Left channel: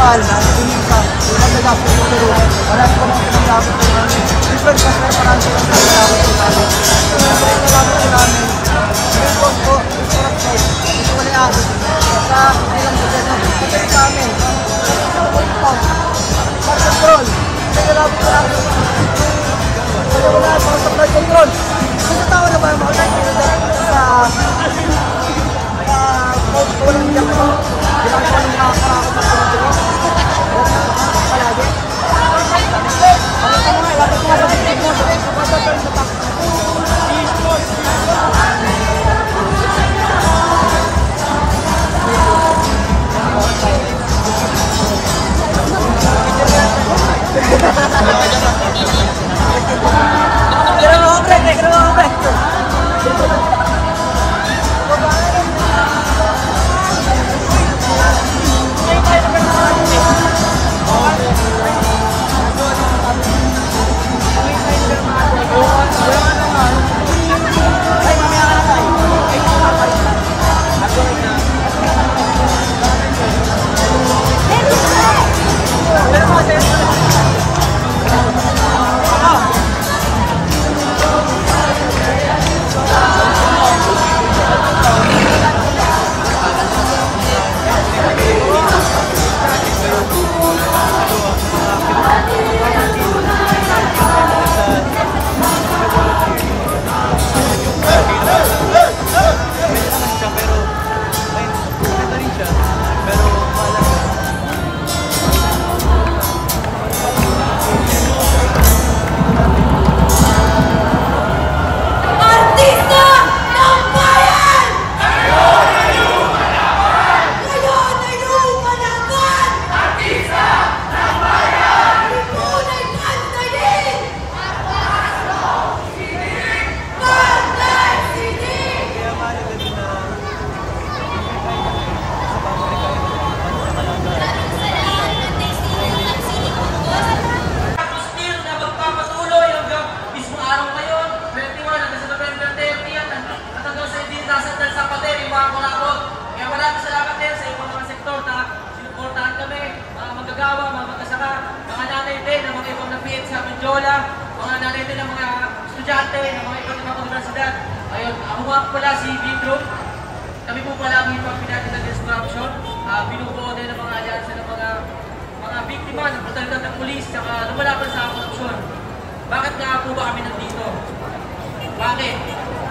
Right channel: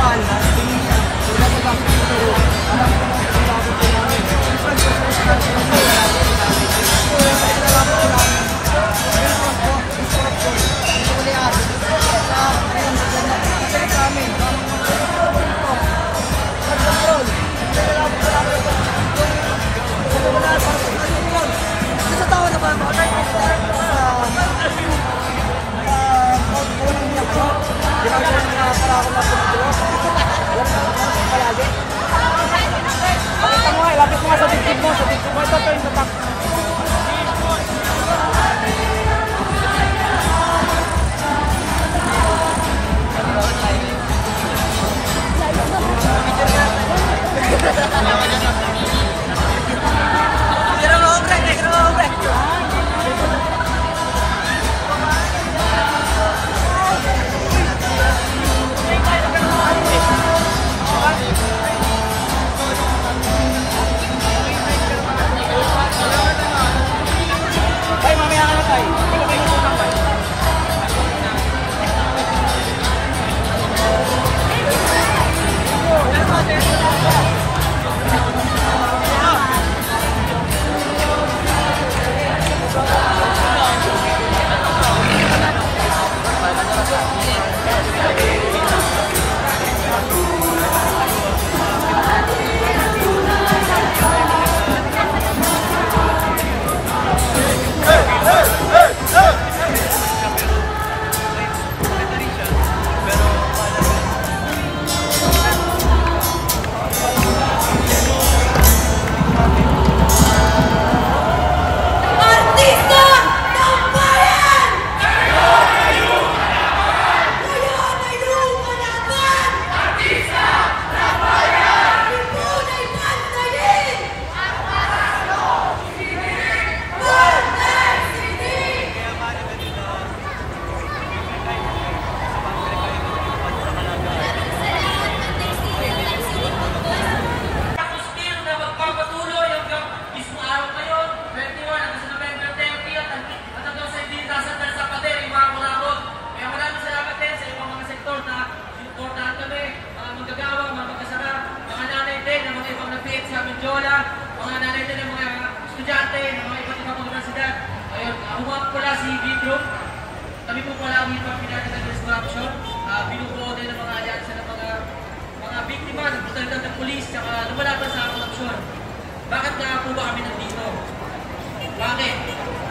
Kapal, Pinisa, Lumadaga po po Peru, marami po mga pinagabot po namin. Different kasi marami po mga pinagabot po namin. Siyempre pinagabot po namin, main cause po is corruption, ito walian, sa ilang gobyerno, pati sa amin, pati sa politikaw, pag-control, pinagabot po namin yung wala po sa flood control. Kasi tama na ba yung mga pinagabot sa walang iyak mo? Bilang ka ng mga karakot na pinagabot? Palagi? Mga nanay din ng mga estudyante ng mga iba't ibang universidad. Ayun, ako nga pala si Vidron. Kami po pala ang ipang pinatid against corruption. Binubuo din ng mga alyansa ng mga biktima ng brutalidad ng pulis at lumalaban sa korupsyon. Bakit nga po ba kami nandito? Bakit?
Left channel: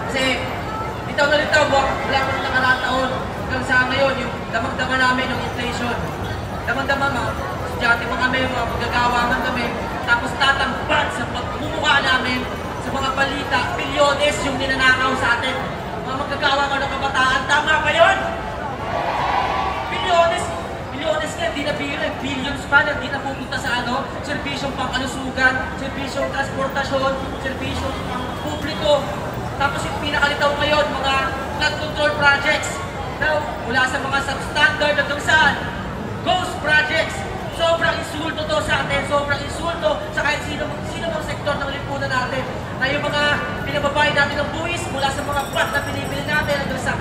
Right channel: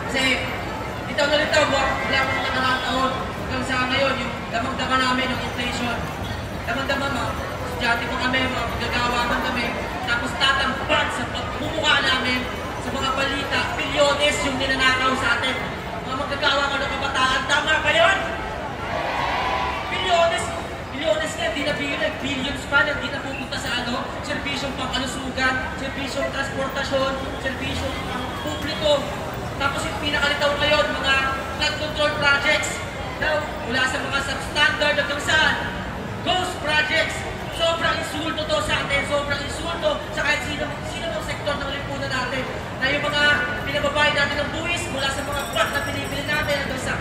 Kasi litaw na litaw, wala pa ng nakaraang taon. Hanggang sa ngayon, yung damang-dama namin ng inflation. Damang-dama mga estudyante pa kami, mga magagawa man kami. Tapos tatambad sa pagmumukha namin sa mga balita, bilyones yung ninanakaw sa atin. Mga magagawa ka ng kabataan, tama ba yun? Bilyones nga, di na billions pa na di na pupunta sa serbisyong pangkalusugan, serbisyong transportasyon, serbisyong publiko. Tapos yung pinakalitaw ngayon, mga flood control projects. Now, mula sa mga substandard hanggang saan? Ghost projects. Sobrang insulto to sa atin, sobrang insulto sa kahit sino mang sektor ng lipunan natin. Na yung mga pinababayad natin ng buwis mula sa mga pot na pinibili natin hanggang sa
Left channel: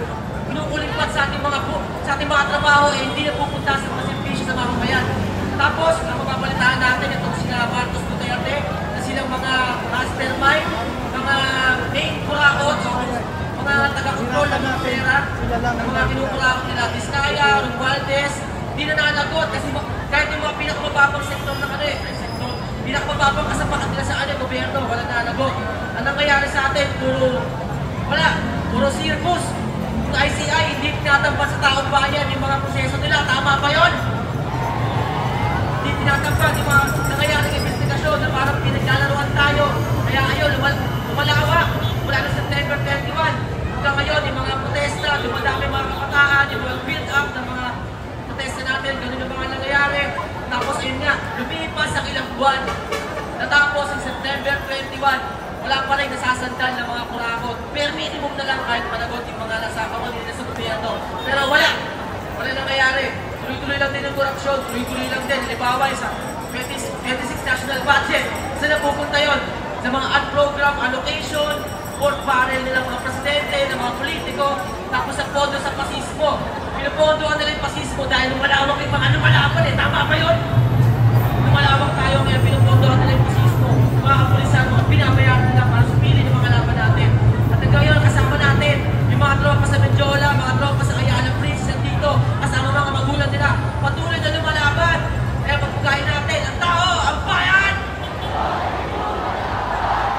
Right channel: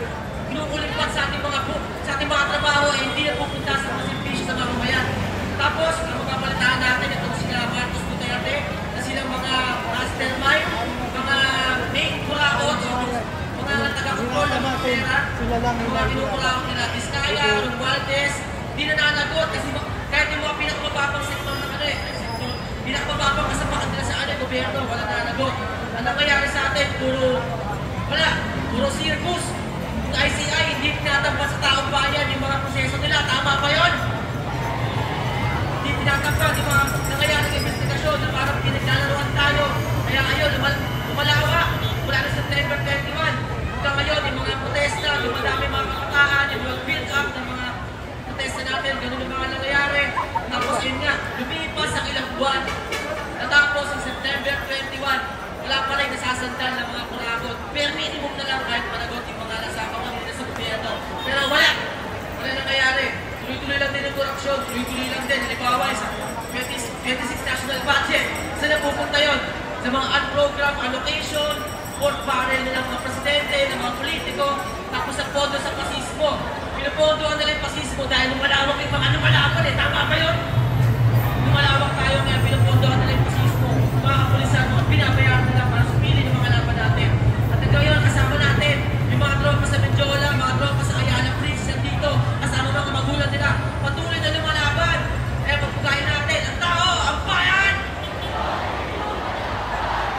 pinukulimpat sa ating mga trabaho hindi na pupunta sa mga servisyo sa mamamayan. Tapos, ang mapapalitaan natin itong sila Marcos Duterte na silang mga mastermind, mga main kurakot, mga taga-control ng mga pera, mga pinukurakot nila Vizcaya, Romualdez, hindi na nanagot kasi kahit yung mga pinakamababang sektor na pinakamababang kasapakan nila sa gobyerno, wala nanagot. Ang nangyayari sa atin, puro circus. Yung ICI, hindi tinatampan sa taong bayan yung mga proseso nila. Tama ba yun? Hindi tinatampan yung mga nangyayaring investigasyon na parang pinaglalaruan tayo. Kaya ayun, lumalawak. Mula na September 21. Hanggang ngayon, yung mga protesta, dumadami mga kapataan, yung mga build-up ng mga protesta natin, ganun yung mga nangyayari. Tapos ayun nga, lumipas ang ilang buwan. Natapos ang September 21, wala pa rin nasasandal ng mga kurakot. Pero minimum na lang kahit panagot yung mga nasa kawanina sa gobyerno. Pero wala nangyayari. Tuloy-tuloy lang din ang korupsyon, tuloy-tuloy lang din. Halimbawa sa 26 national budget, saan napupunta yun? Sa mga unprogrammed allocation, pork barrel ng mga presidente, ng mga politiko, tapos sa pondo sa pasismo. Pinupondohan nila yung pasismo dahil lumalawak yung mga lumalaban eh. Tama ba yun? Lumalawak tayo ngayon, pinupondohan nila yung pasismo. Mga kapulisan, mga pinabayaan nila para sumili ng mga laban natin. At ngayon, kasama natin yung mga tropa sa Mendiola, mga tropa sa Ayala Princess dito, kasama mga magulang nila. Patuloy na lumalaban. Kaya pagpugayin natin, ang tao, ang bayan!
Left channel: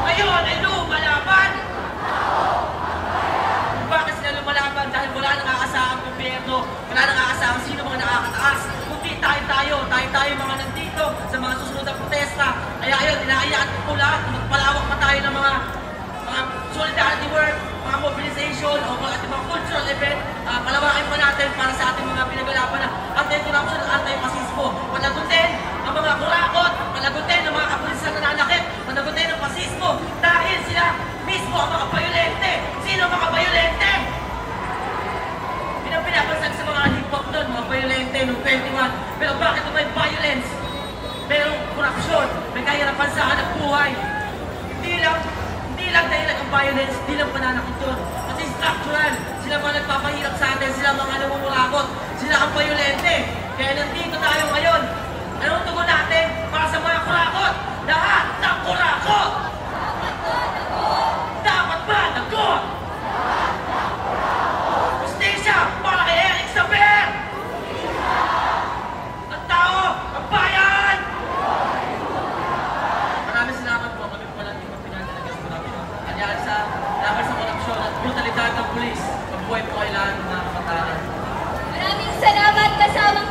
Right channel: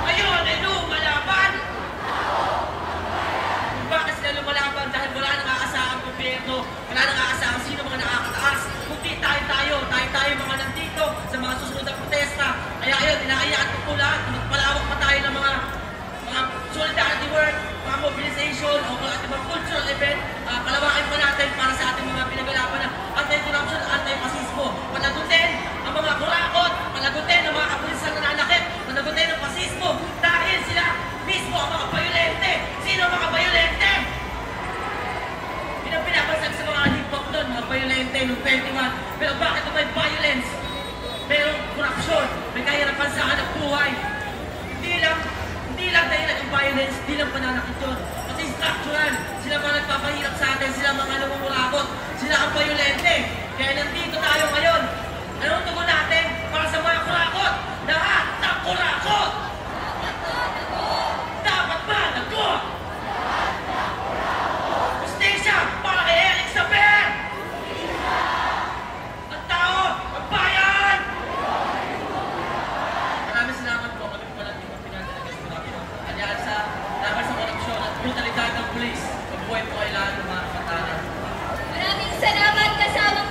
Ngayon ay lumalaban! Bakit sila lumalaban? Dahil wala nang aasahang gobyerno, wala nang aasahang sino mga nakakataas. Kundi tayo mga nandito sa mga susunod na protesta. Kaya ayun, inaayaan ko po lahat, magpalawak pa tayo ng mga solidarity work, mga mobilization, o mga cultural event. Palawakin pa natin para sa ating mga pinagalaban na anti-corruption, anti-fascismo. Panagutin ang mga kurakot, panagutin ang mga kapulisan na nanakit, panagutin ang fascismo dahil sila mismo ang mga bayolente. Sino ang mga bayolente? Pinabansan sa mga hip-hop doon, mga bayolente noong 21. Pero bakit may violence? Merong korupsyon, may kahirapan sa hanap buhay. Hindi lang dahil ang violence, hindi lang pananakit yun. Pati structural, sila mga nagpapahirap sa atin, sila mga namumurakot, sila ang bayolente. Kaya nandito tayo ngayon. Anong tugon natin para sa mga kurakot? Lahat ng kurakot! Dapat ba nago? Justisya para kay Eric Saber! Ang tao, ang bayan! Maraming salamat po. Kami po lang yung mga pinagdalagas po namin. Kanyaan sa laban sa korupsyon at brutalidad ng pulis. Pagbuhay po kailangan ng mga kapatanan. Maraming salamat kasama